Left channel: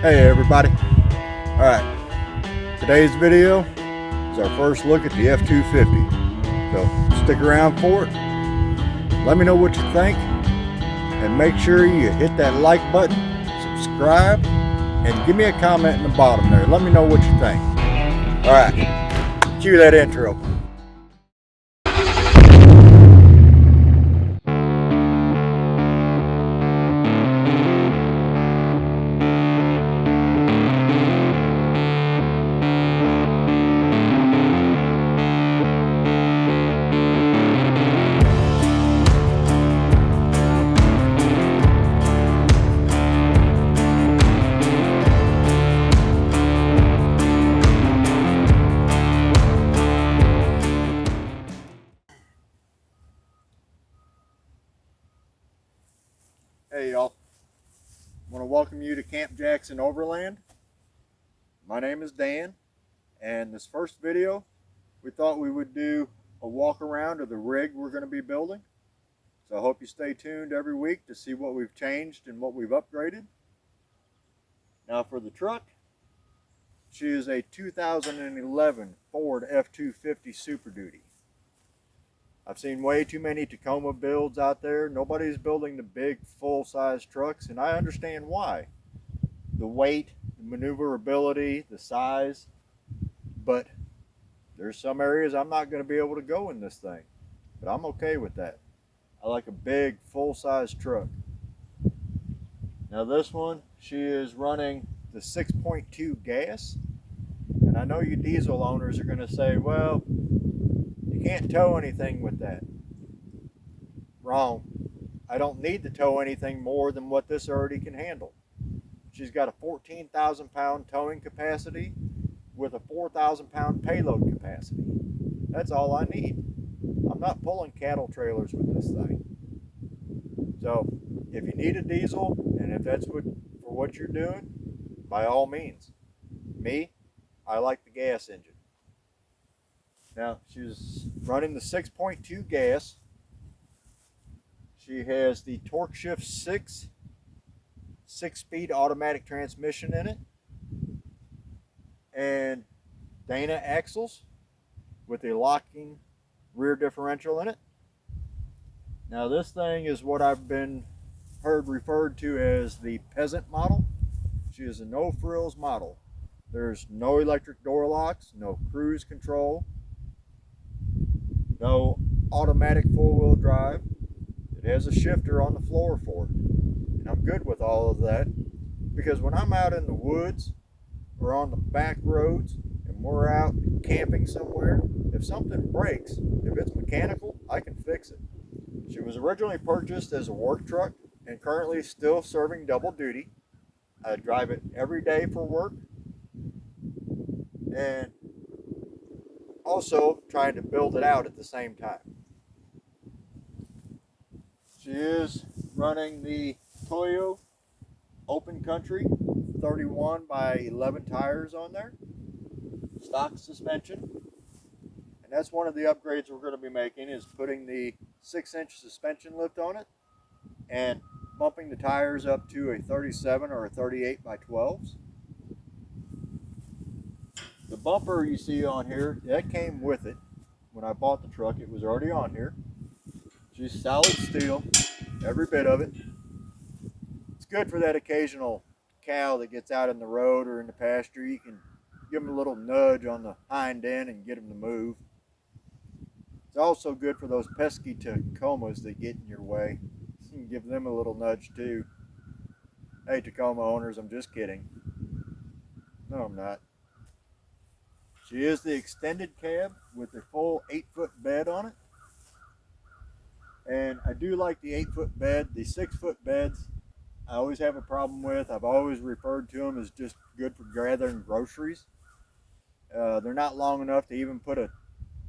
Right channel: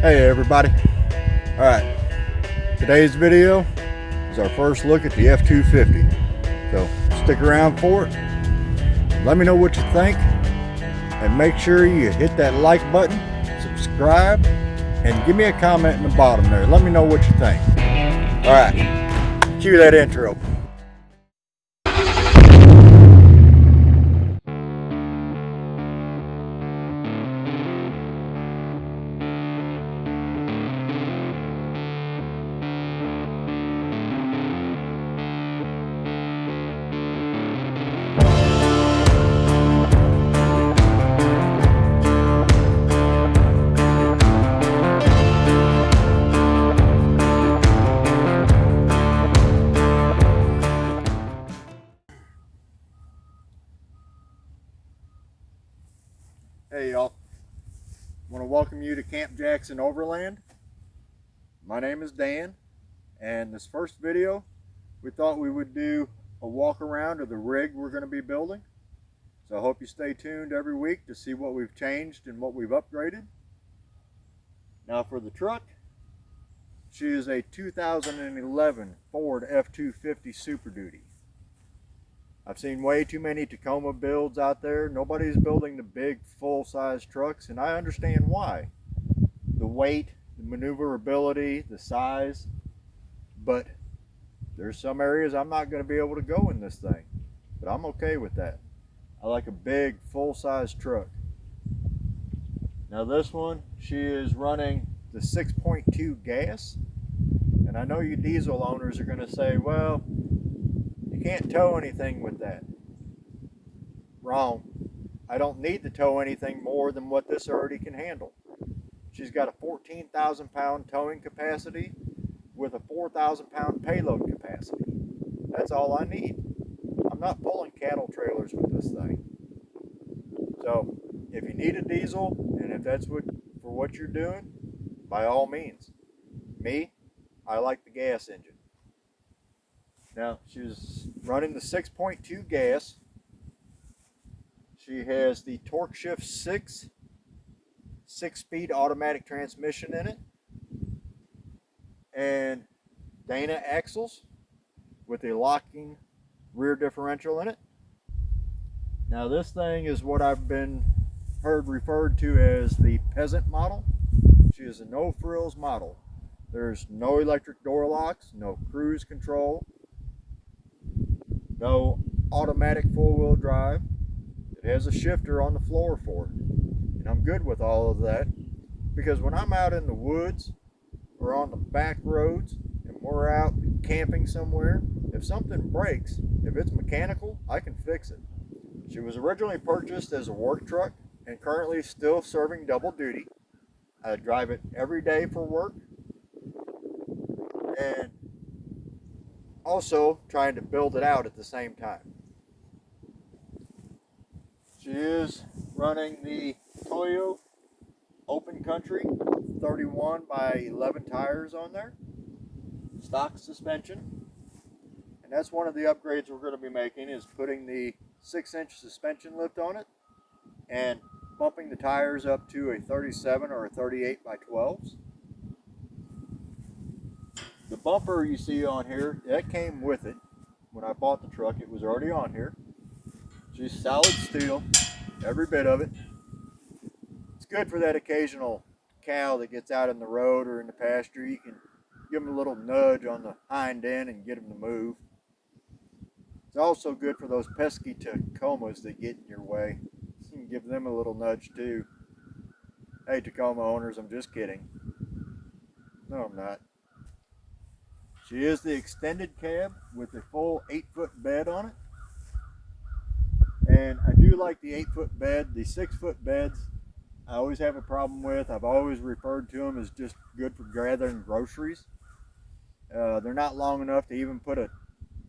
Hey everybody. Alright, today's video is our first look at the F250. So stick around for it. Let me know what you think. And make sure you hit that like button, subscribe, and give me a comment in the bottom there. Let me know what you think. Alright, cue that intro. Hey y'all, I want to welcome you to Camp Jackson Overland. My name is Dan, and this first video we thought we would do a walk around of the rig we're going to be building. So I hope you stay tuned every week to see what we've changed and what we've upgraded. Now for the truck, she is a 2011 Ford F250 Super Duty. I've seen way too many Tacoma builds out there. Nobody's building the big full-size trucks, and I understand why. The weight, the maneuverability, the size, but there's some areas I'm not going to be able to go in this thing, but I'm okay with that. I like a big full-size truck. Now this one, she is running the 6.2 gas, and I know you diesel owners are going to say, well, you can't tow anything with that. Wrong. I don't need to tow anything more than what this already can handle. She's got a 14,000 pound towing capacity with a 4,000 pound payload capacity. That's all I need. I'm not pulling cattle trailers with this thing. So if you need a diesel, and if that's for what you're doing, by all means. Me, I like the gas engine. Now, she's running the 6.2 gas. She has the Torque Shift 6 6-speed automatic transmission in it, and Dana axles with a locking rear differential in it. Now this thing is what I've been heard referred to as the peasant model. She is a no frills model. There's no electric door locks, no cruise control, no automatic four-wheel drive. It has a shifter on the floor for it. And I'm good with all of that, because when I'm out in the woods or on the back roads and we're out camping somewhere, if something breaks, if it's mechanical, I can fix it. She was originally purchased as a work truck and currently still serving double duty. I drive it every day for work, and also trying to build it out at the same time. She is running the Toyo Open Country 31 by 11 tires on there, stock suspension, and that's one of the upgrades we're going to be making, is putting the 6-inch suspension lift on it and bumping the tires up to a 37 or a 38 by 12s. The bumper you see on here, that came with it. When I bought the truck, it was already on here. She's solid steel, every bit of it. It's good for that occasional cow that gets out in the road or in the pasture. You can give them a little nudge on the hind end and get them to move. It's also good for those pesky Tacomas that get in your way. You can give them a little nudge too. Hey Tacoma owners, I'm just kidding. No, I'm not. She is the extended cab with a full 8-foot bed on it. And I do like the 8-foot bed. The 6-foot beds I always have a problem with. I've always referred to them as just good for gathering groceries. They're not long enough to even put a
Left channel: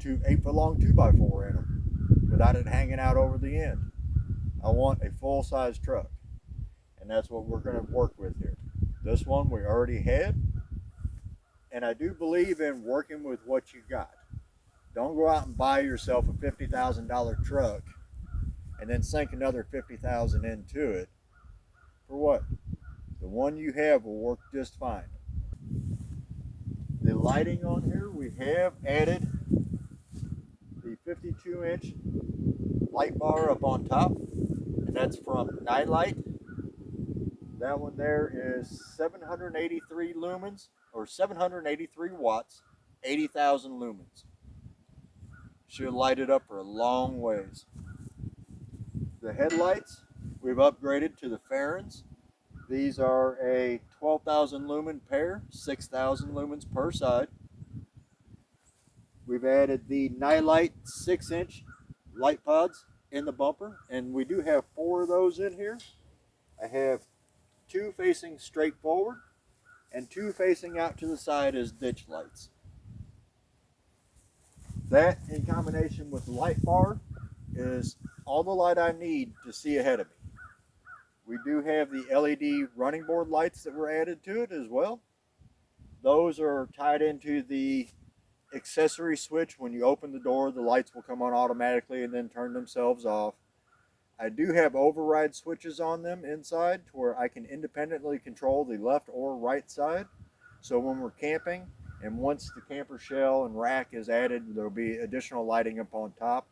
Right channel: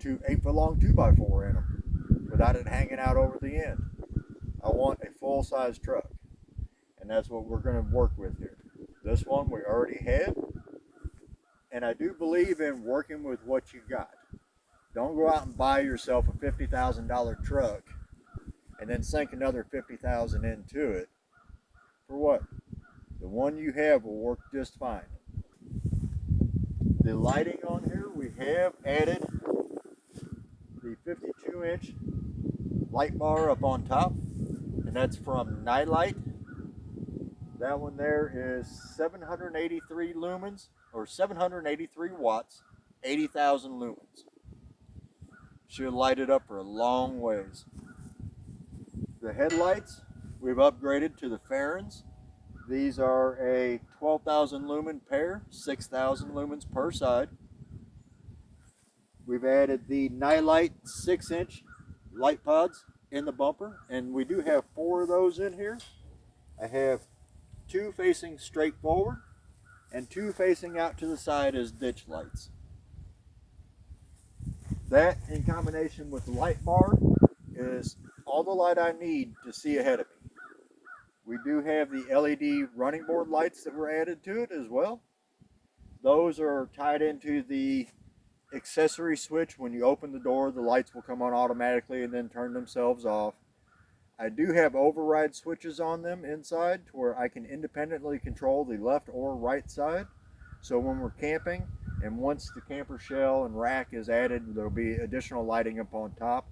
8-foot long 2x4 in them without it hanging out over the end. I want a full-size truck, and that's what we're going to work with here. This one we already had, and I do believe in working with what you got. Don't go out and buy yourself a $50,000 truck and then sink another $50,000 into it. For what? the one you have will work just fine. The lighting on here, we have added the 52-inch light bar up on top, and that's from Nightlight. That one there is 783 lumens, or 783 watts, 80,000 lumens. Should light it up for a long ways. The headlights, we've upgraded to the Farins. These are a 12,000 lumen pair, 6,000 lumens per side. We've added the Nightlight 6-inch light pods in the bumper, and we do have 4 of those in here. I have 2 facing straight forward and 2 facing out to the side as ditch lights. That, in combination with the light bar, is all the light I need to see ahead of me. We do have the LED running board lights that were added to it as well. Those are tied into the accessory switch. When you open the door, the lights will come on automatically and then turn themselves off. I do have override switches on them inside to where I can independently control the left or right side. So when we're camping, and once the camper shell and rack is added, there'll be additional lighting up on top.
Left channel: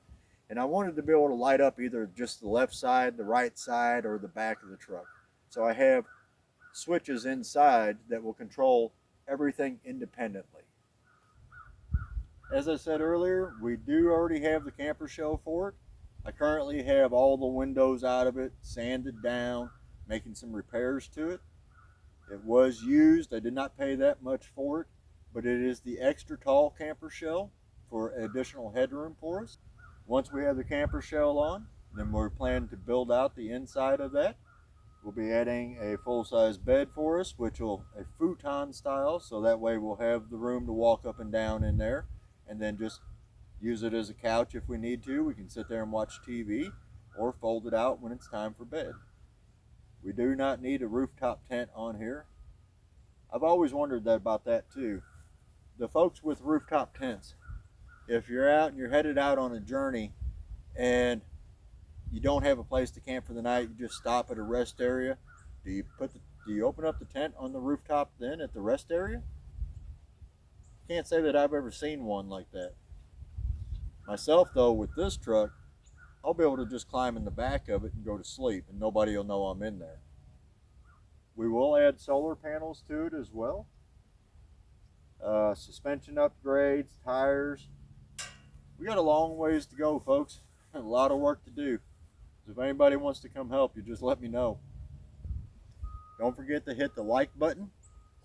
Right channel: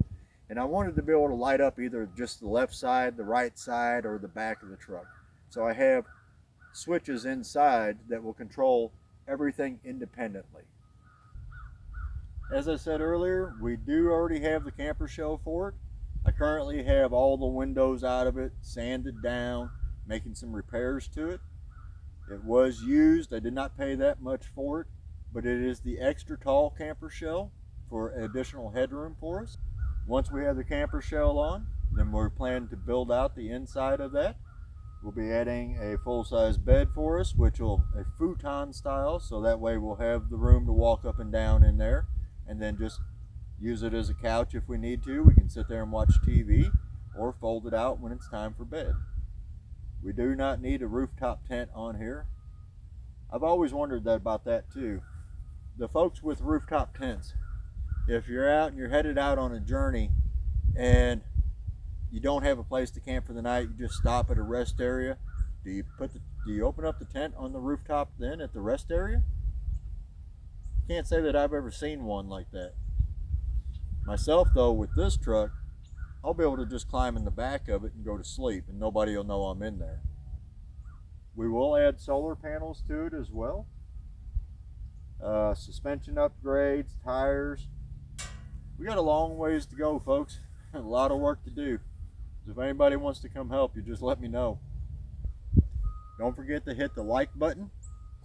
And I wanted to be able to light up either just the left side, the right side, or the back of the truck. So I have switches inside that will control everything independently. As I said earlier, we do already have the camper shell for it. I currently have all the windows out of it, sanded down, making some repairs to it. It was used. I did not pay that much for it, but it is the extra tall camper shell for additional headroom for us. Once we have the camper shell on, then we're planning to build out the inside of that. We'll be adding a full-size bed for us, which will a futon style, so that way we'll have the room to walk up and down in there, and then just use it as a couch if we need to. We can sit there and watch TV or fold it out when it's time for bed. We do not need a rooftop tent on here. I've always wondered about that too. The folks with rooftop tents, if you're out and you're headed out on a journey and you don't have a place to camp for the night, you just stop at a rest area, do you open up the tent on the rooftop then at the rest area? Can't say that I've ever seen one like that. Myself though, with this truck, I'll be able to just climb in the back of it and go to sleep and nobody will know I'm in there. We will add solar panels to it as well. Suspension upgrades, tires. We got a long ways to go, folks. A lot of work to do. So if anybody wants to come help you, just let me know. Don't forget to hit the like button,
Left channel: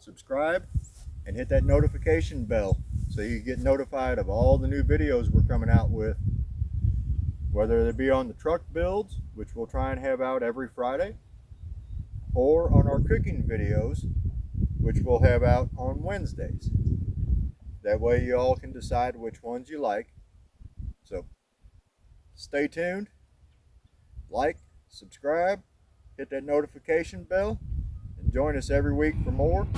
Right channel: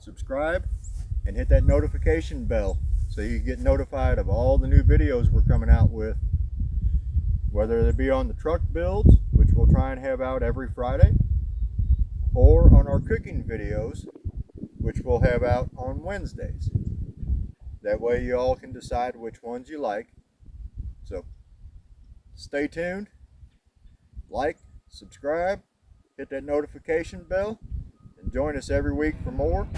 subscribe, and hit that notification bell so you get notified of all the new videos we're coming out with. Whether they be on the truck builds, which we'll try and have out every Friday, or on our cooking videos, which we'll have out on Wednesdays. That way you all can decide which ones you like. So stay tuned, like, subscribe, hit that notification bell, and join us every week for more.